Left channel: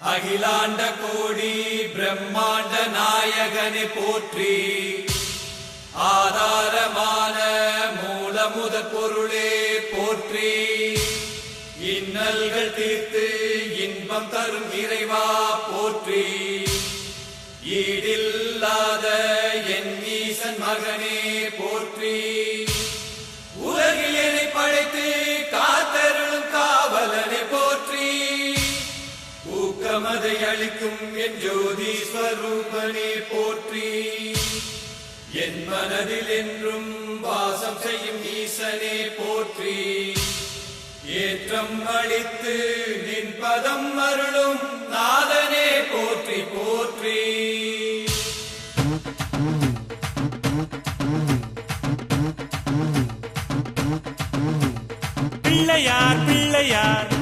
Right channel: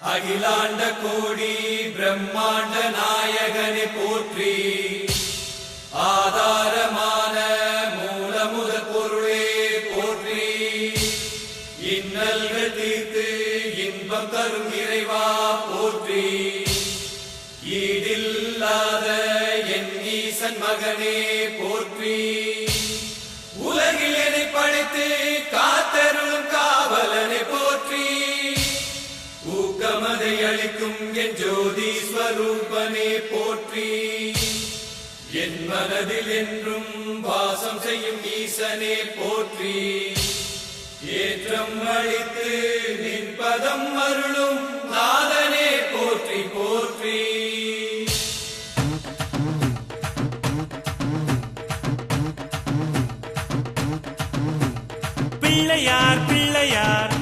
அகிலாண்ட கோடி பிரம்மாண்ட நாயகனை போற்றி, ஆதாரமான மூலமுத பொருளே போற்றி, இன்னல்கள் தீர்த்து இன்பம் தரும் இறைவா போற்றி, ஈடில்லாத என் ஈசன் மகனே போற்றி, உலகில் என்னை படைத்து காத்தருளும் காவலனை போற்றி, ஊக்கமதை அளிக்கும் என் ஜோதி ஸ்வரூபனே போற்றி, என் மனதில் என்றும் வாசம் செய்யும் ஈசனே போற்றி, ஏற்றம் அளித்து நின் பதம் அருளும் நாதனே போற்றி போற்றி. பிள்ளையார் பிள்ளையார்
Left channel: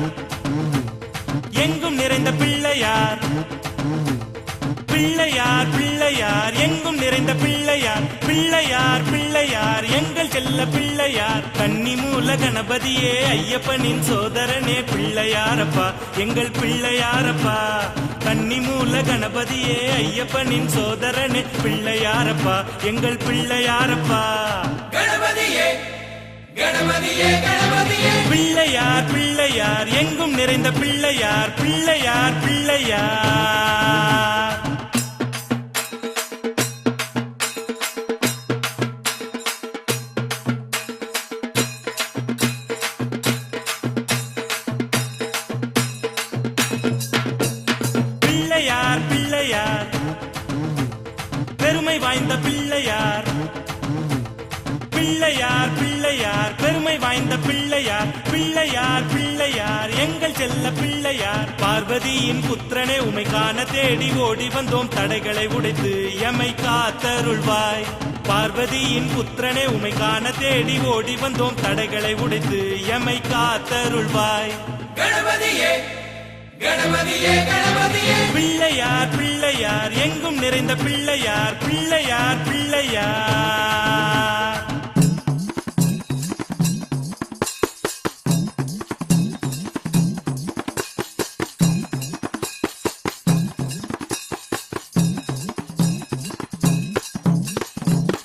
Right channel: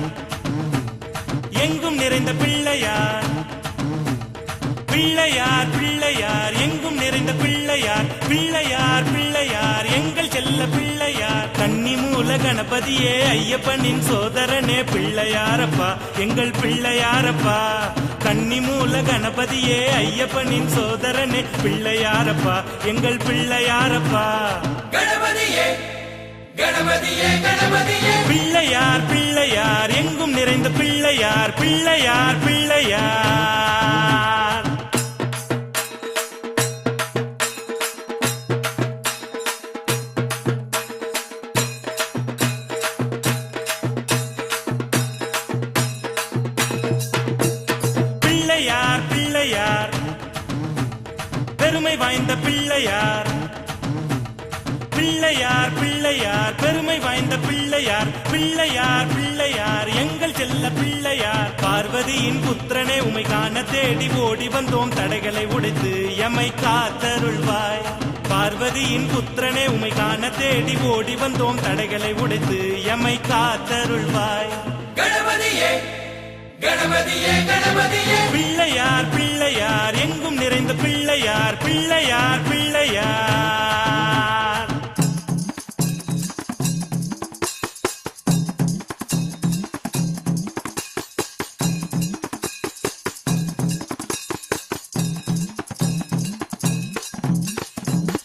எங்கும் நிறைந்த பிள்ளையார், பிள்ளையார் பிள்ளையார் எங்கும் நிறைந்த பிள்ளையார், பிள்ளையார் பிள்ளையார் எங்கள் செல்ல பிள்ளையார், கண்ணின் மூல கணபதியே ஐயப்பனின் சோதரனே பிள்ளையாரப்பா எங்கள் பிள்ளையாரப்பா, கன்னி மூல கணபதியே ஐயப்பனின் சோதரனே பிள்ளையாரப்பா எங்கள் பிள்ளையாரப்பா, கணபதியே கணபதியே கணபதியே, பிள்ளையார் பிள்ளையார் எங்கும் நிறைந்த பிள்ளையார், பிள்ளையார் பிள்ளையார். பிள்ளையார் பிள்ளையார் பெருமை வாய்ந்த பிள்ளையார், பிள்ளையார் பிள்ளையார் பெருமை வாய்ந்த பிள்ளையார், பிள்ளையார் பிள்ளையார் எங்கள் செல்ல பிள்ளையார், பார்வதியின் புத்திரனே உமை காண தேடி ஓடி வந்தோம் தடைகளை உடைத்து எமை காத்தருள்வாய், பார்வதியின் புத்திரனே உமை காண தேடி ஓடி வந்தோம் தடைகளை உடைத்து எமை காத்தருள்வாய், கணபதியே கணபதியே கணபதியே, பிள்ளையார் பிள்ளையார் எங்கும் நிறைந்த பிள்ளையார், பிள்ளையார் பிள்ளையார்.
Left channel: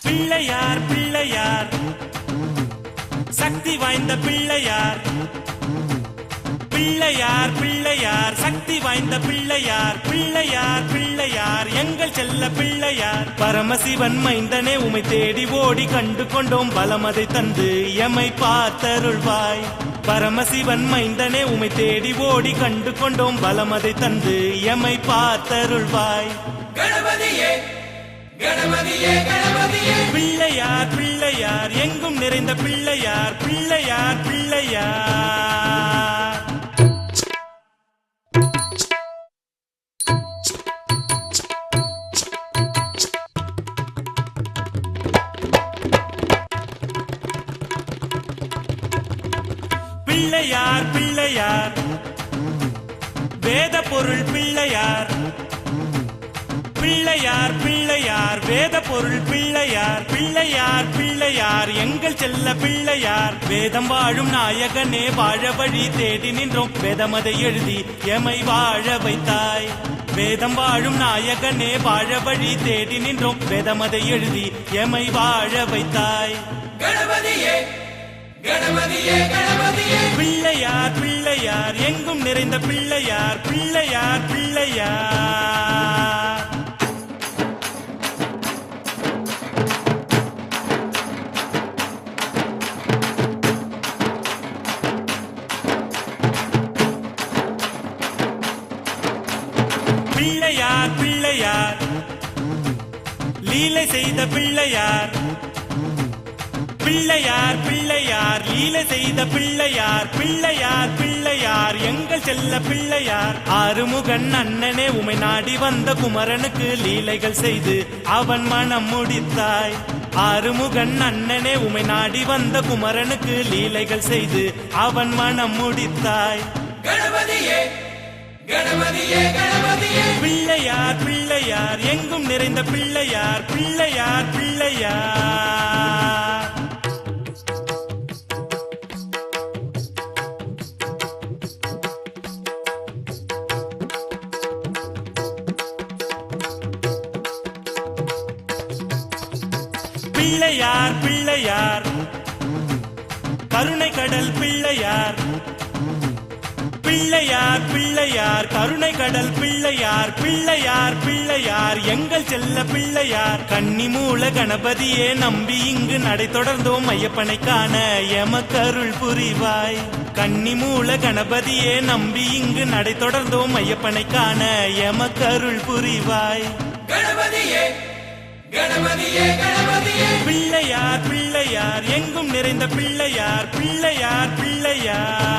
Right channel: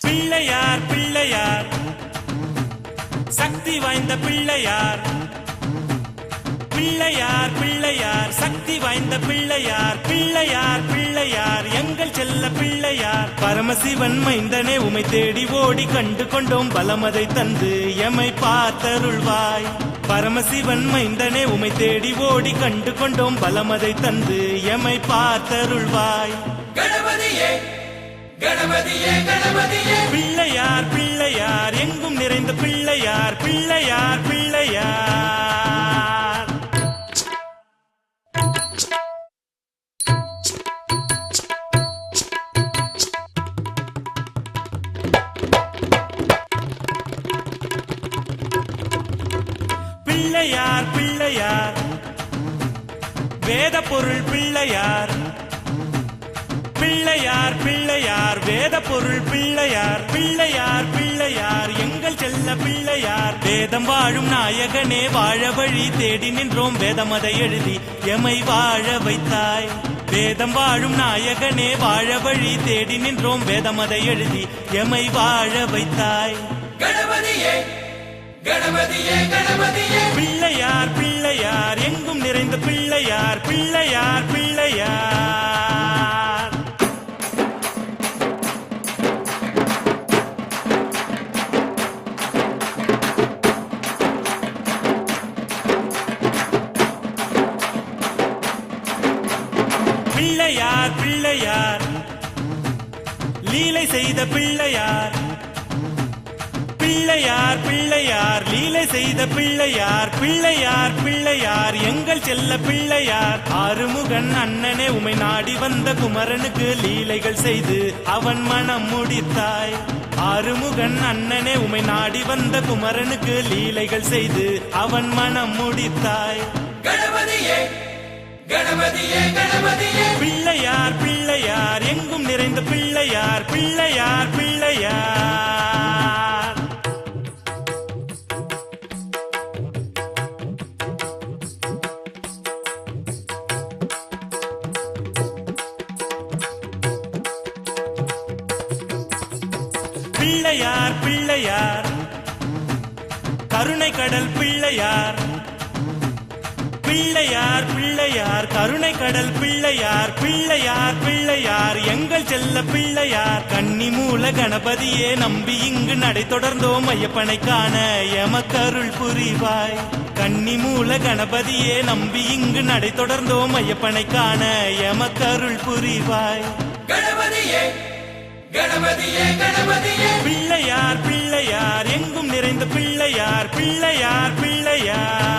பிள்ளையார் பிள்ளையார் சக்தி வாய்ந்த பிள்ளையார், பிள்ளையார் பிள்ளையார் சக்தி வாய்ந்த பிள்ளையார், பிள்ளையார் பிள்ளையார் எங்கள் செல்ல பிள்ளையார், பரமசிவன் மைந்தனே உமை தேடி ஓடி கண்டு கொண்டோம் பலமதை தந்து எமை பார்த்தருள்வாய், பரமசிவன் மைந்தனே உமை தேடி ஓடி கண்டு கொண்டோம் பலமதை தந்து எமை பார்த்தருள்வாய், கணபதியே கணபதியே கணபதியே, பிள்ளையார் பிள்ளையார் எங்கும் நிறைந்த பிள்ளையார், பிள்ளையார் பிள்ளையார். பிள்ளையார் பிள்ளையார் வேத பொருள் பிள்ளையார், பிள்ளையார் பிள்ளையார் வேத பொருள் பிள்ளையார், பிள்ளையார் பிள்ளையார் எங்கள் செல்ல பிள்ளையார், வேதம் வாழும் நாயகனே வாழ வழி தேடி நின்றோம் வேதமதை எழுதி எமை வாழ வைத்தாய், வேதம் வாழும் நாயகனே வாழ வழி தேடி நின்றோம் வேதமதை எழுதி எமை வாழ வைத்தாய், கணபதியே கணபதியே கணபதியே, பிள்ளையார் பிள்ளையார் எங்கும் நிறைந்த பிள்ளையார், பிள்ளையார் பிள்ளையார். பிள்ளையார் பிள்ளையார் லீலை செய்த பிள்ளையார், பிள்ளையார் பிள்ளையார் லீலை செய்த பிள்ளையார், பிள்ளையார் பிள்ளையார் எங்கள் செல்ல பிள்ளையார், ஆறுமுகன் அண்ணனே உமை நாடி வந்த குமரனுக்கு லீலைகள் செய்து அவன் மனம் முடித்தாய், ஆறுமுகன் அண்ணனே உமை நாடி வந்த குமரனுக்கு லீலைகள் செய்து அவன் மனம் முடித்தாய், கணபதியே கணபதியே கணபதியே, பிள்ளையார் பிள்ளையார் எங்கும் நிறைந்த பிள்ளையார், பிள்ளையார் பிள்ளையார். பிள்ளையார் பிள்ளையார் கருணை கடல் பிள்ளையார் பிள்ளையார் பிள்ளையார் கருணை கடல் பிள்ளையார் பிள்ளையார் பிள்ளையார் எங்கள் செல்ல பிள்ளையார் கன்னி மூல கணபதியே நம்பி இங்கு நடை தொடர்ந்தோம் ஐயப்பனை காண எமக்கருள் புரிவாய் கன்னி மூல கணபதியே நம்பி இங்கு நடை தொடர்ந்தோம் ஐயப்பனை காண எமக்கருள் புரிவாய் கணபதியே கணபதியே கணபதியே பிள்ளையார் பிள்ளையார் எங்கும் நிறைந்த பிள்ளையார் பிள்ளையார் பிள்ளையார்